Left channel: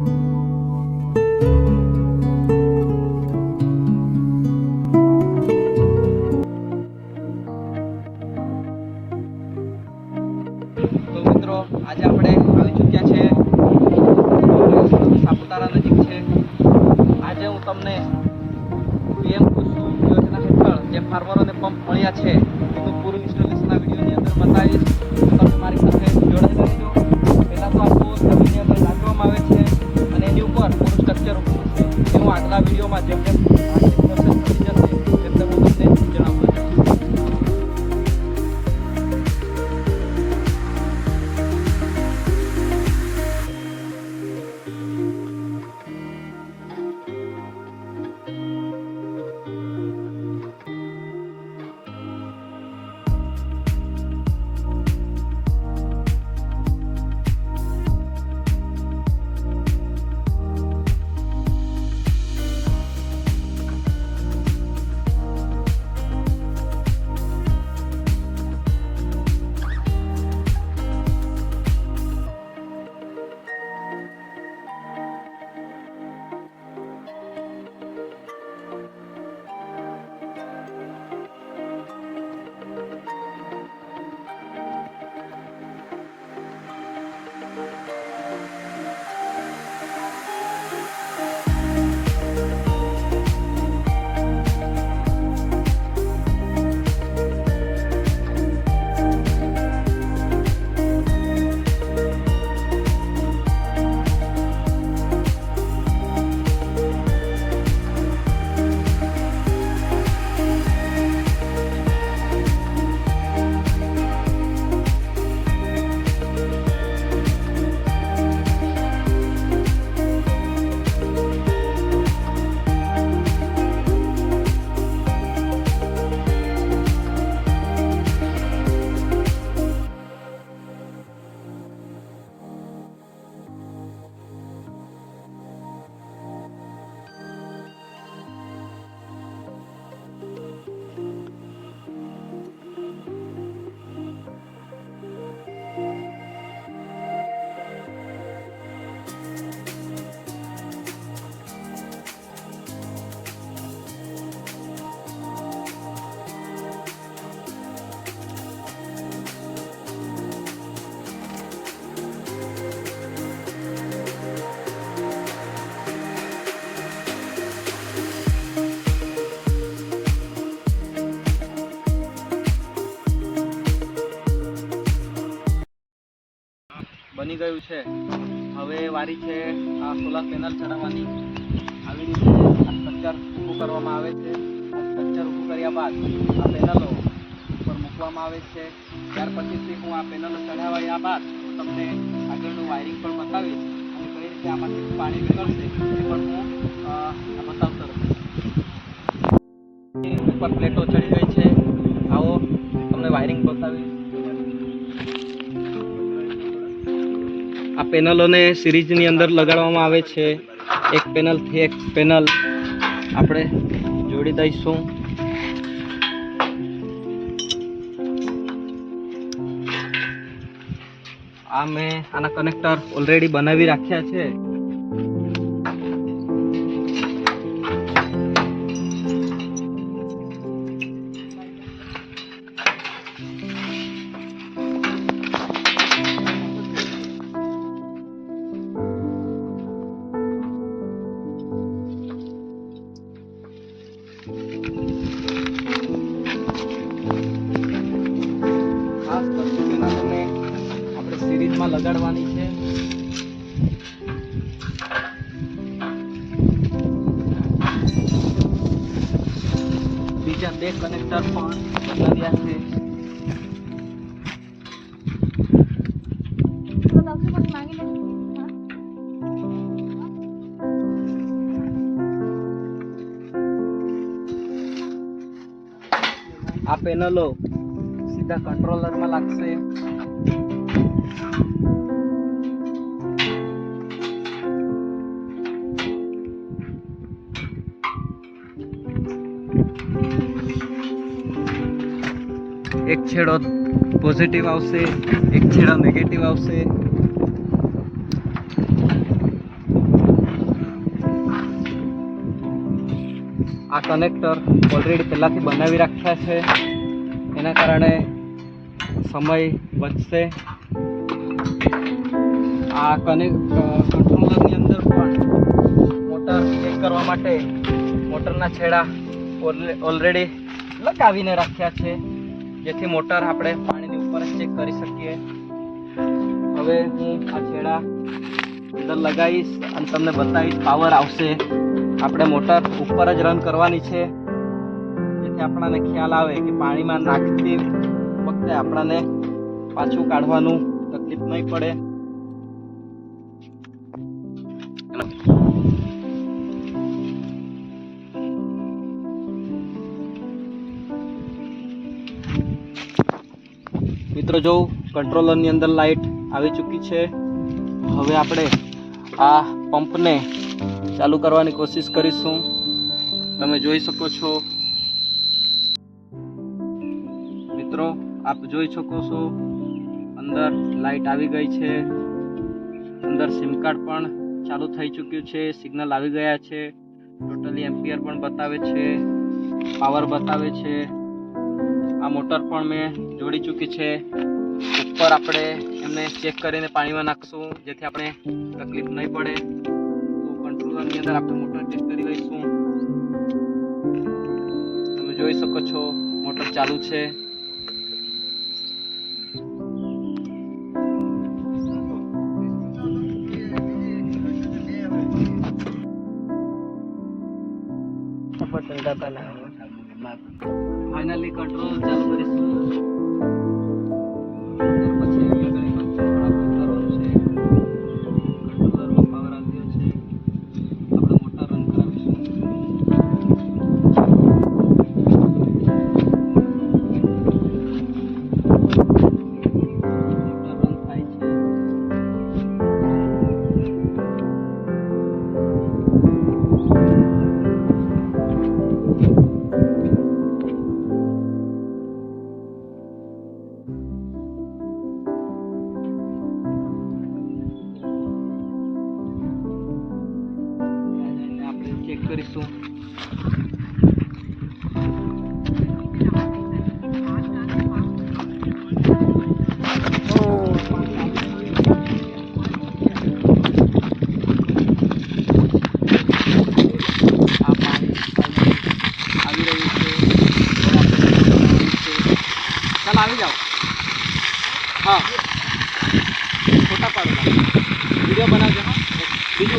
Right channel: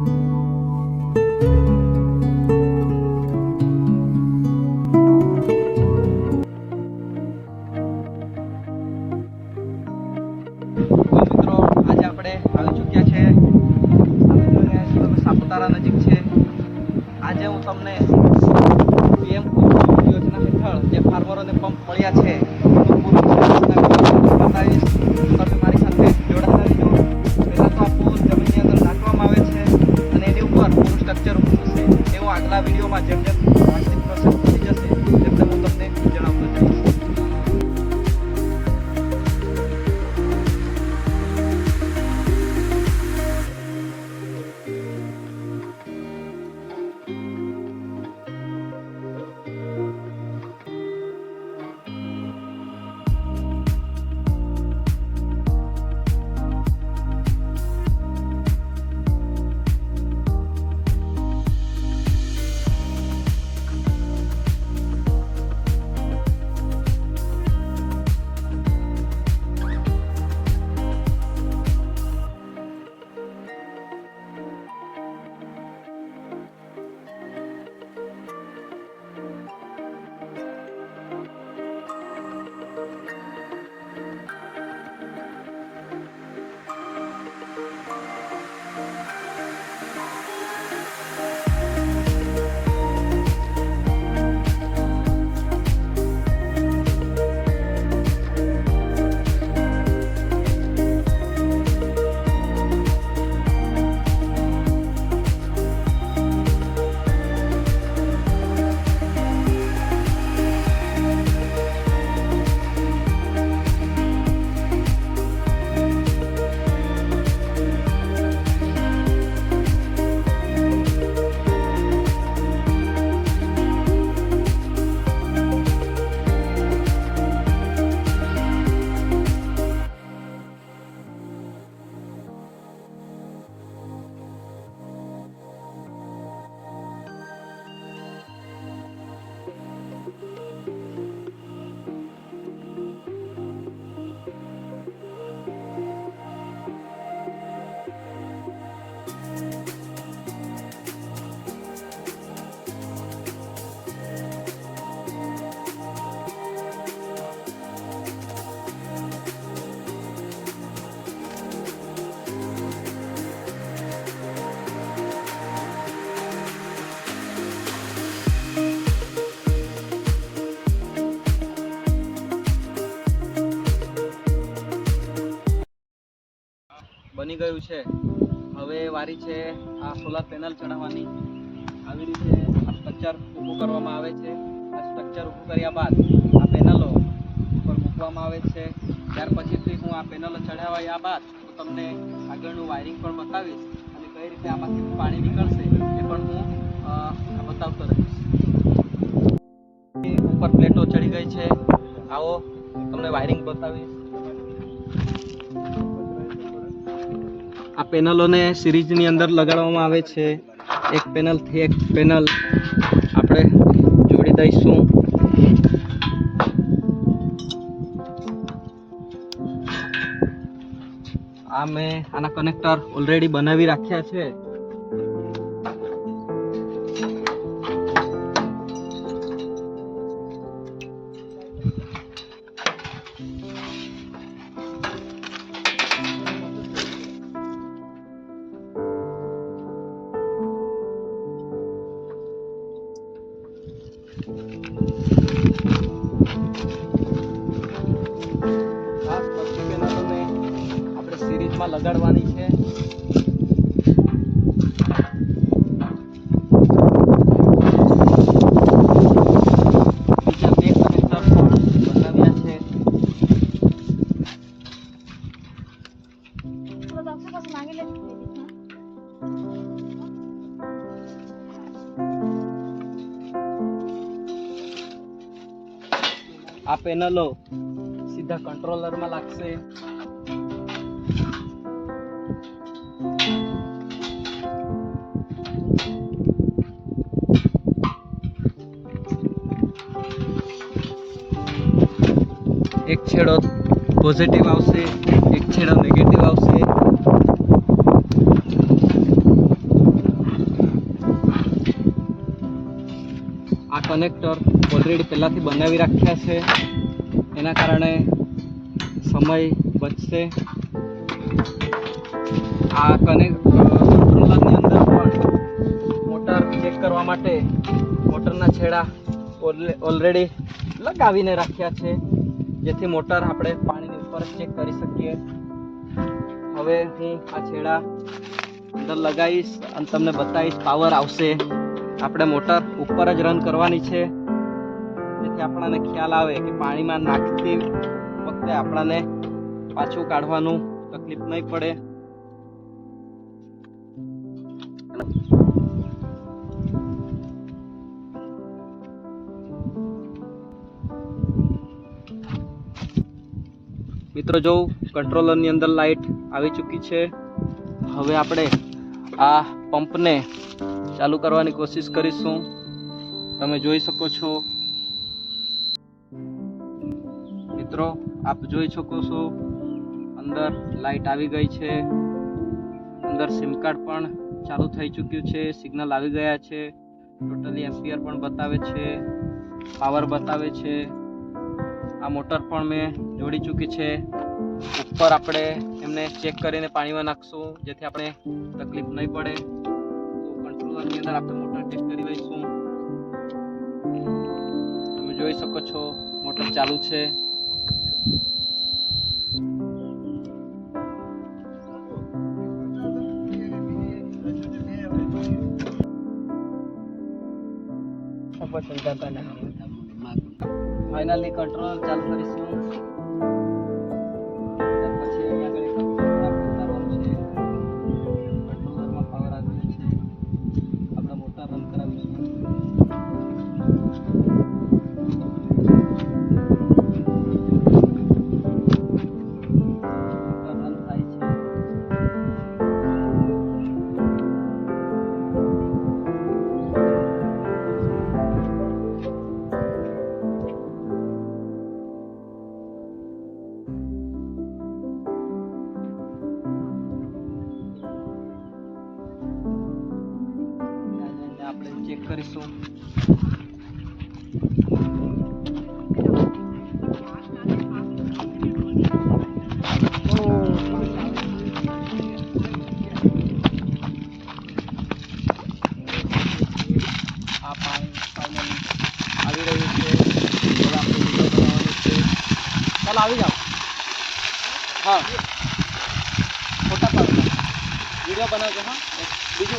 મિત્રો આજે આપણે આવી ચૂક્યા છે સાપુતારા નજીક છે. આજે હું તમને પીએમ કુસુમ યોજના હેઠળ જે ફાર્મરોને પંપ મળ્યા છે એનું પૂરું બતાવીશ. તમે મારી સાથે જોડાયેલા રહેજો. પહેલાં તો આખું જમીનની અંદર નાખવામાં આવે છે અને એની ઉપર પૂરું સ્ટ્રક્ચર ઊભું થશે. એ હું આગલા વિડીયોમાં જેમ જેમ પ્રોસેસ થઈ જશે તેમ તેમ હું તમને જણાવતો જઈશ. બની ગયું છે. હવે વારી છે આ સોલાર પેનલ ચડાવવાની. આવી રીતે આ સ્ટ્રક્ચર ઊભું કરવામાં આવે છે. આ સ્ટ્રક્ચર ઊભું કર્યા બાદ આ પેનલો ઉપર મૂકવામાં આવે છે. ત્યાર પછીથી હું આ પેનલો ચડાવ્યા બાદ હું તમને આગળનું વાયરિંગ પણ બતાવીશ અને કઈ રીતે આમાંથી પાણી નીકળશે એ પણ હું બતાવતો રહીશ. ઉપર પ્લેટો ચડી ગઈ છે. આવો તમને વાયરિંગ બતાવીશ. આ પેનલોને સિરીઝની અંદર લગાડવામાં આવે છે. એક પેનલથી એક પેનલ આપણે જોડી દઈશું. આ મેં આના કનેક્ટર ઓલરેડી બનાવી રાખ્યા છે. સિરીઝમાં લગાડવાની છે. બીજા બે કનેક્ટર પણ લગાવ્યા છે. આ પેનલો સીધા કંટ્રોલરમાં લાગશે. એક છેડો પોઝિટિવ આવશે, એક છેડો નેગેટિવ આવશે. આ કનેક્ટર ઓલરેડી પહેલાંથી બનાવી રાખ્યા છે, એના કારણે સમય બચશે. આ કંટ્રોલરની અંદર પણ મોટર ચેક કરવા માટે મોટરના છેડા ઓલરેડી લગાવીને રાખ્યા છે, જેથી મોટર આપણે પાણીની ઉપર જ ચેક કરી શકીએ. હવે હું આ છેડા અંદર લગાવીશ અને તમને બતાવીશ. પાવર આવશે, આપણે મોટર ઉપર જ રન કરવાની છે, જેથી આપણને ખ્યાલ આવે કે પાણીમાં નાખતી વખતે આપણને પાછું કાઢવાનું તકલીફ નહીં પડે. મિત્રો જો કંટ્રોલરની અંદર લાઇટ આવી ચૂકી છે. હવે આપણે આ પંપને ચાલુ કરવાની કોશિશ કરીશું. તમે જોઈ શકો છો મિત્રો, આપ જોઈ શકો છો અંદર લાઇટ આવી ગઈ છે. અંદર સિમ કાર્ડ પણ ચાલુ થઈ ચૂક્યું છે, સિગ્નલ આવી ગયા છે, ટોટલી એમ્પિયર પણ બતાવે છે, પાવર બતાવે છે. આ મોટર પણ મેં જોડી ચૂકી છે. ઉપર આપણે એમને ચેક કરીને પાણીમાં નાખશું, જેથી આપણે તકલીફ નહીં પડે. તો કંટ્રોલરની અંદર આપણે મોટર ચેક કરી લઈશું. તમે જોઈ શકો છો મોટર ચાલુ છે. ફાઇનલી કંટ્રોલ ચાલુ કરીશું. પછી અહીંયા આગળ કંટ્રોલરમાં પાવર આવ્યો છે. આપણે મોટર રન કરાવીશું. મોટર રન થાય છે. આપણે ચેક કરીશું. આ પાણી આવી રહ્યું છે. ચાલ આવી જાઓ. હા, છોટા પાડો વિડીયો બનાવજો. હા, બીજું